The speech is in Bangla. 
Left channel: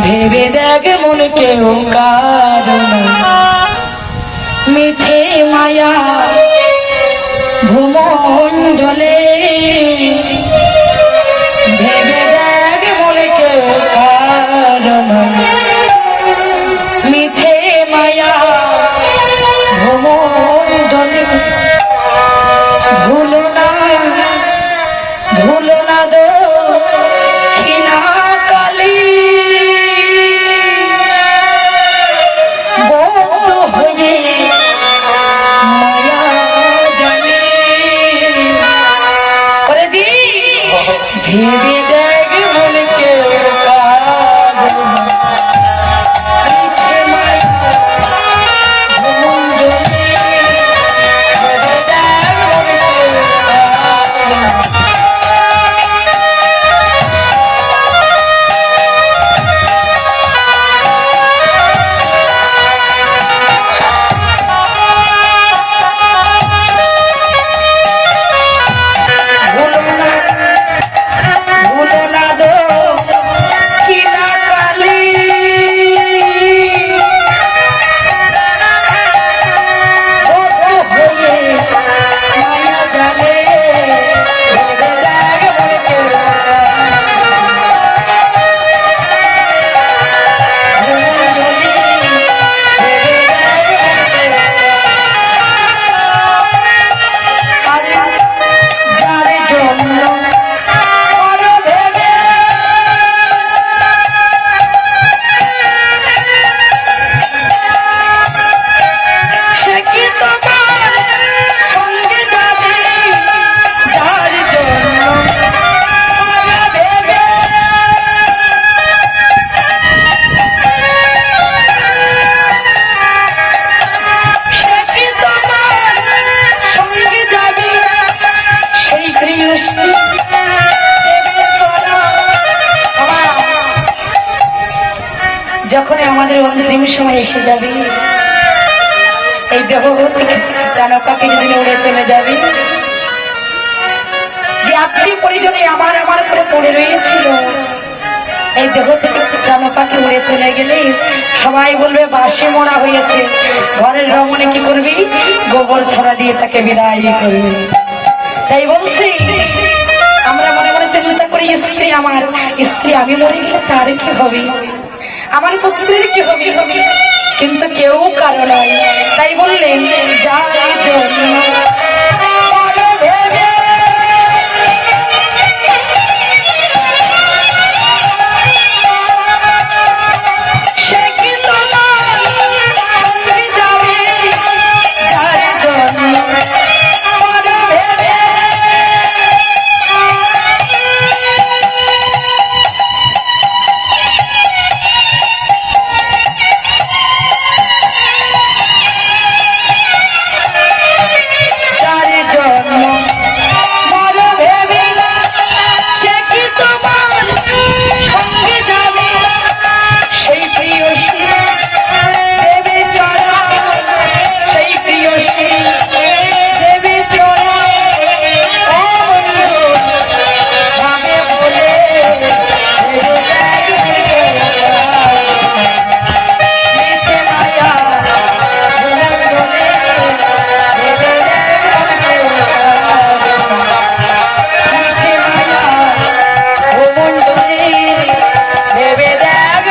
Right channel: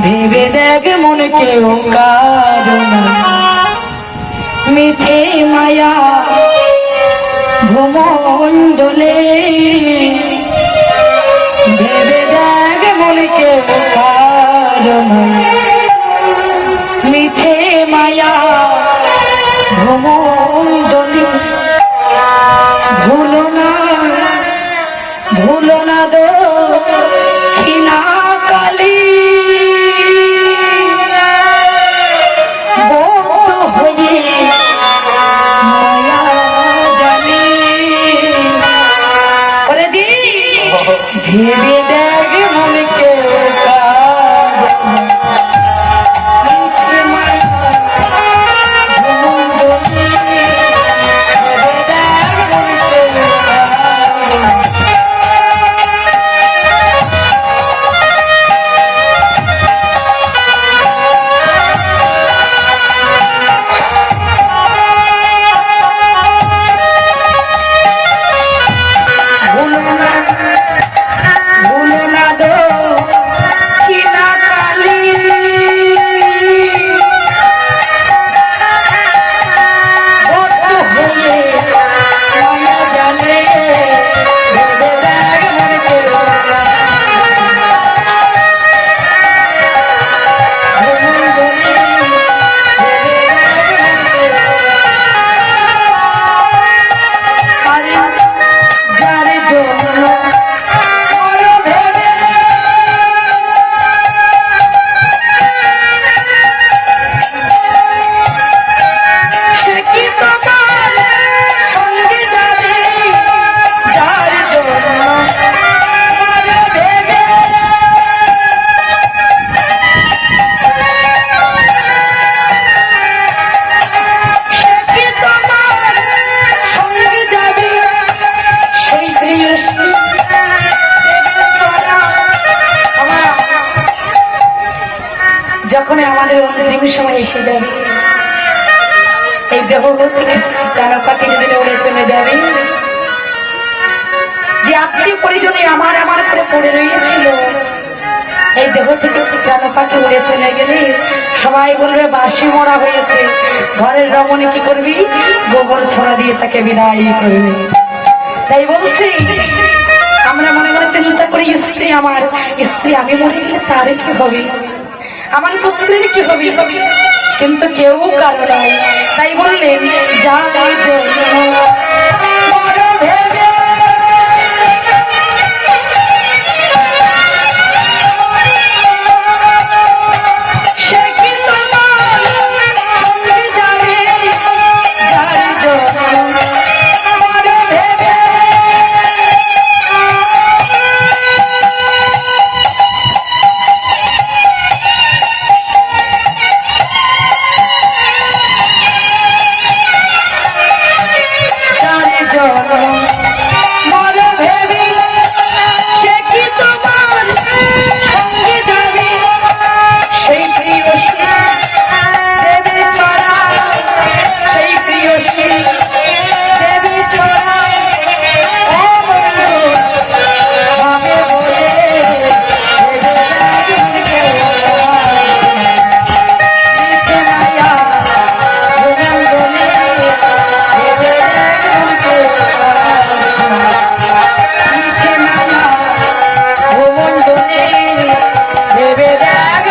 ভেবে দেখ মন কেউ কারণ মিছে মায়া ভূমণ্ডলে ভেবে দেখ মন কেউ কারণ মিছে মায়া ভূমণ্ডলে ভুলো না দো কিনা কালী ভেবে দেখ মন কেউ যখন আমাদের অন্তিম সময় এসে যাবে, এই দেহ প্রাণ পাখির দিকে উড়ে চলে যাবে, যে আত্মীয় পরিজনে আমার করে পড়ে রয়েছিল, এই দেহ থেকে প্রাণ পাখি উড়ে চলে গেলে সবাই বলবে বাসি মরা হয়েছে। ঘরের রমণী কি করবি? গোবর ছড়া দিয়ে তাকে বিদায় করবি। তাই বলছি আমরা মনে মনে চিন্তা করি, স্ত্রী আমি মরে গেলে তার কি হবে, আমার পুত্রের কি হবে, কিন্তু কেউ কারো নয়। তাই বললেন যা ভেবে দেখ